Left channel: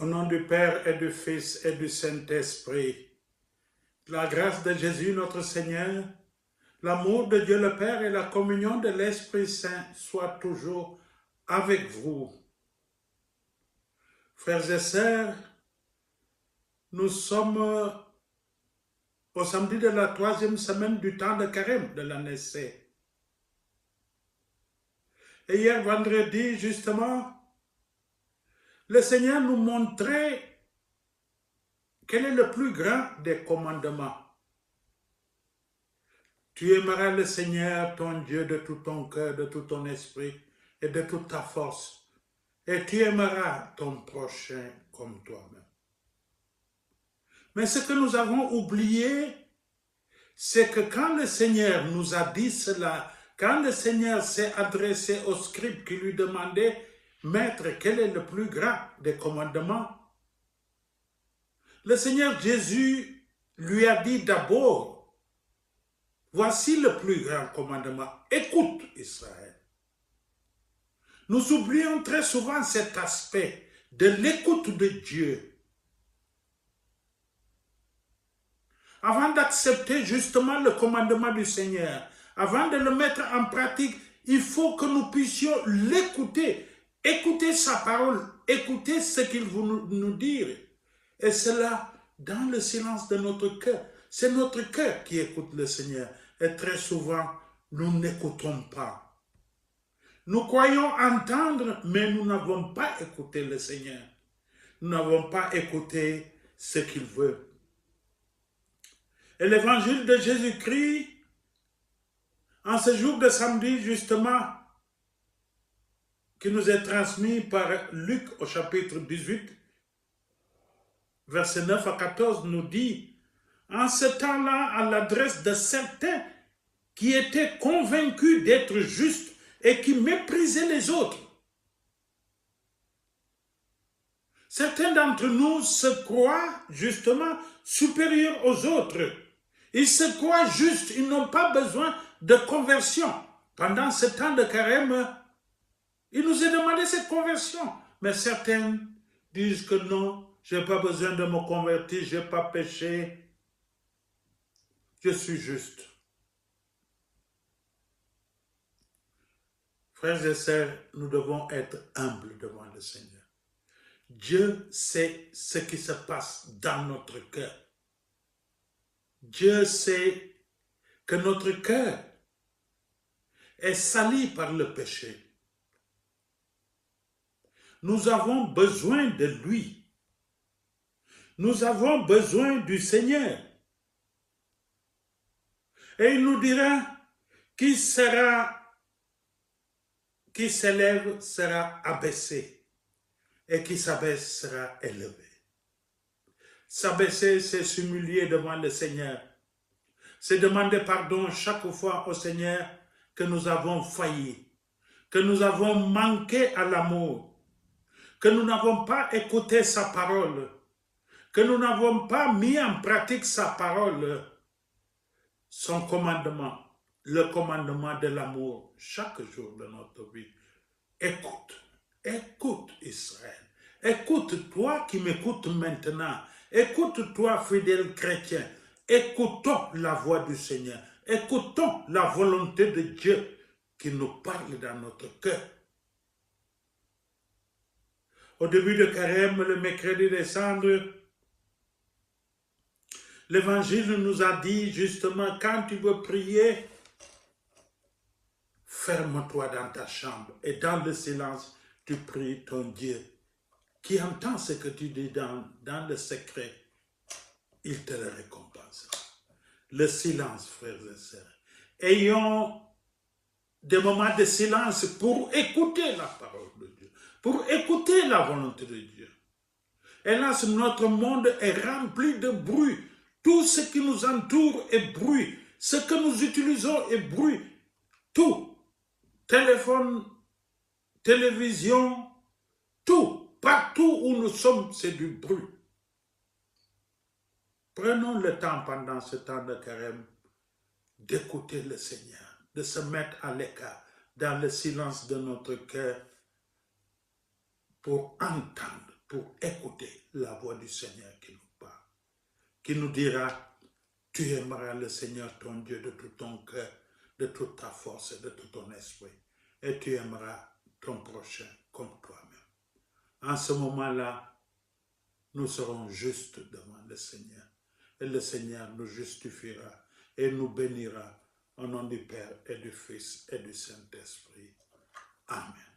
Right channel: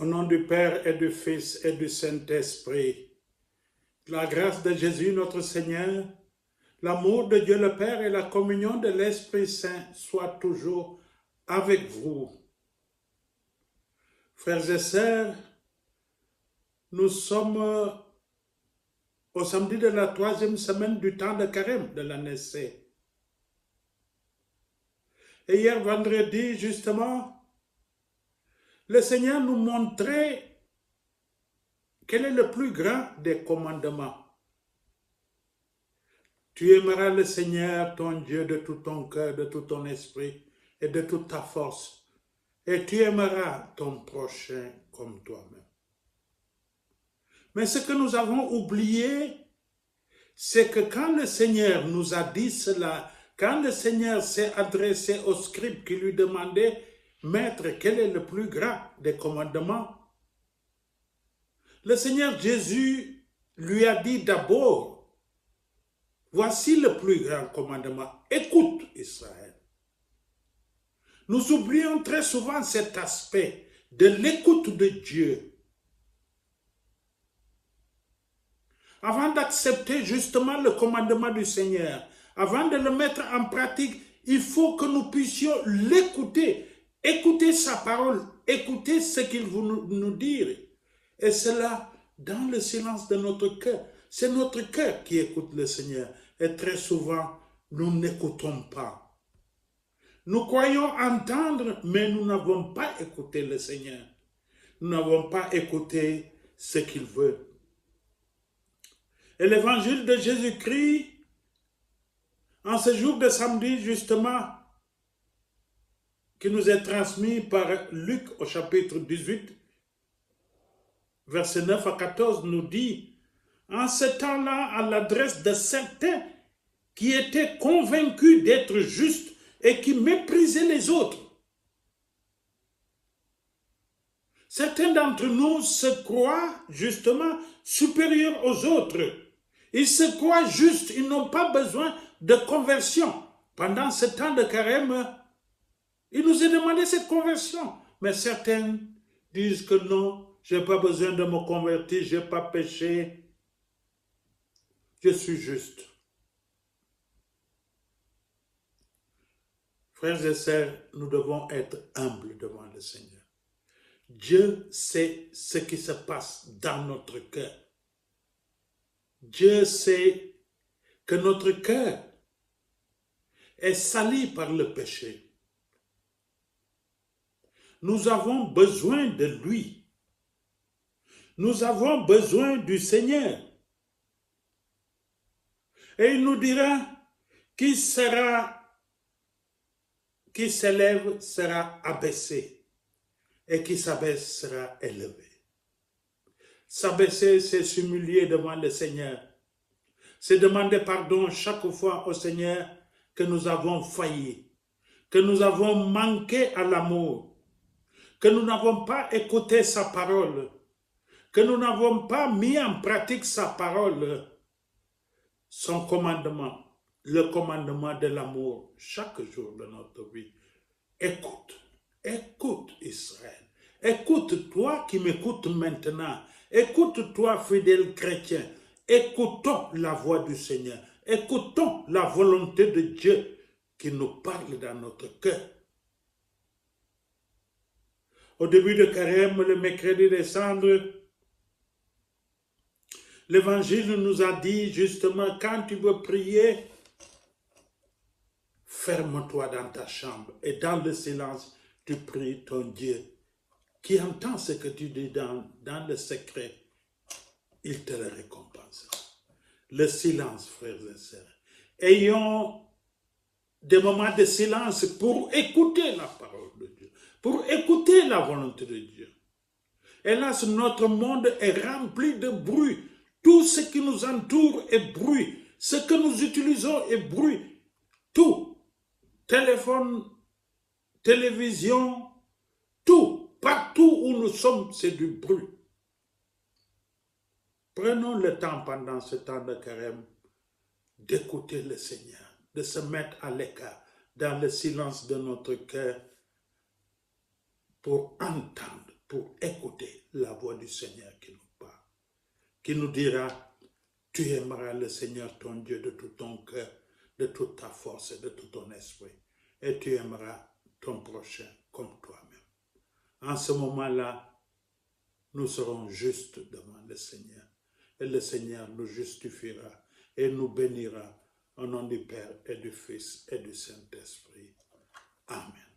Au nom du Père et du Fils et du Saint-Esprit, la grâce de Jésus notre Seigneur, l'amour de Dieu le Père et la communion de l'Esprit Saint soient toujours avec vous. Frères et sœurs, nous sommes au samedi de la 3e semaine du temps de carême de l'année C. Et hier vendredi, justement, le Seigneur nous montrait quel est le plus grand des commandements. Tu aimeras le Seigneur, ton Dieu, de tout ton cœur, de tout ton esprit et de toute ta force. Et tu aimeras ton prochain comme toi-même. Mais ce que nous avons oublié, c'est que quand le Seigneur nous a dit cela, quand le Seigneur s'est adressé au scribe qui lui demandait, Maître, quel est le plus grand des commandements? Le Seigneur Jésus lui a dit d'abord, voici le plus grand commandement, écoute Israël. Nous oublions très souvent cet aspect de l'écoute de Dieu. Avant d'accepter justement le commandement du Seigneur, avant de le mettre en pratique, il faut que nous puissions l'écouter, écouter sa parole, écouter ce qu'il veut nous dire. Et cela dans le silence de notre cœur. C'est notre cœur qui écoute le Seigneur. Et très souvent, nous n'écoutons pas. Nous croyons entendre, mais nous n'avons pas écouté le Seigneur. Nous n'avons pas écouté ce qu'il veut. Et l'évangile de Jésus-Christ, en ce jour de samedi, justement, qui nous est transmis par Luc au chapitre 18, versets 9 à 14, nous dit, en ce temps-là, à l'adresse de certains qui étaient convaincus d'être justes et qui méprisaient les autres. Certains d'entre nous se croient justement supérieurs aux autres. Ils se croient justes, ils n'ont pas besoin de conversion. Pendant ce temps de carême, il nous est demandé cette conversion. Mais certains disent que non, je n'ai pas besoin de me convertir, je n'ai pas péché, je suis juste. Frères et sœurs, nous devons être humbles devant le Seigneur. Dieu sait ce qui se passe dans notre cœur. Dieu sait que notre cœur est sali par le péché. Nous avons besoin de lui. Nous avons besoin du Seigneur. Et il nous dira, qui s'élève sera abaissé, et qui s'abaisse sera élevé. S'abaisser, c'est s'humilier devant le Seigneur. C'est demander pardon chaque fois au Seigneur que nous avons failli, que nous avons manqué à l'amour, que nous n'avons pas écouté sa parole, que nous n'avons pas mis en pratique sa parole, son commandement, le commandement de l'amour, chaque jour de notre vie. Écoute, écoute Israël. Écoute, toi qui m'écoutes maintenant. Écoute, toi fidèle chrétien. Écoutons la voix du Seigneur. Écoutons la volonté de Dieu qui nous parle dans notre cœur. Au début de carême, le mercredi des cendres, l'Évangile nous a dit justement, quand tu veux prier, ferme-toi dans ta chambre et dans le silence, tu pries ton Dieu qui entend ce que tu dis dans le secret. Il te le récompensera. Le silence, frères et sœurs. Ayons des moments de silence pour écouter la parole de Dieu, pour écouter la volonté de Dieu. Hélas, notre monde est rempli de bruit. Tout ce qui nous entoure est bruit. Ce que nous utilisons est bruit. Tout. Téléphone, télévision, tout. Partout où nous sommes, c'est du bruit. Prenons le temps pendant ce temps de carême d'écouter le Seigneur, de se mettre à l'écart dans le silence de notre cœur pour entendre pour écouter la voix du Seigneur qui nous parle, qui nous dira, tu aimeras le Seigneur ton Dieu de tout ton cœur, de toute ta force et de tout ton esprit, et tu aimeras ton prochain comme toi-même. En ce moment-là, nous serons justes devant le Seigneur, et le Seigneur nous justifiera et nous bénira au nom du Père et du Fils et du Saint-Esprit. Amen.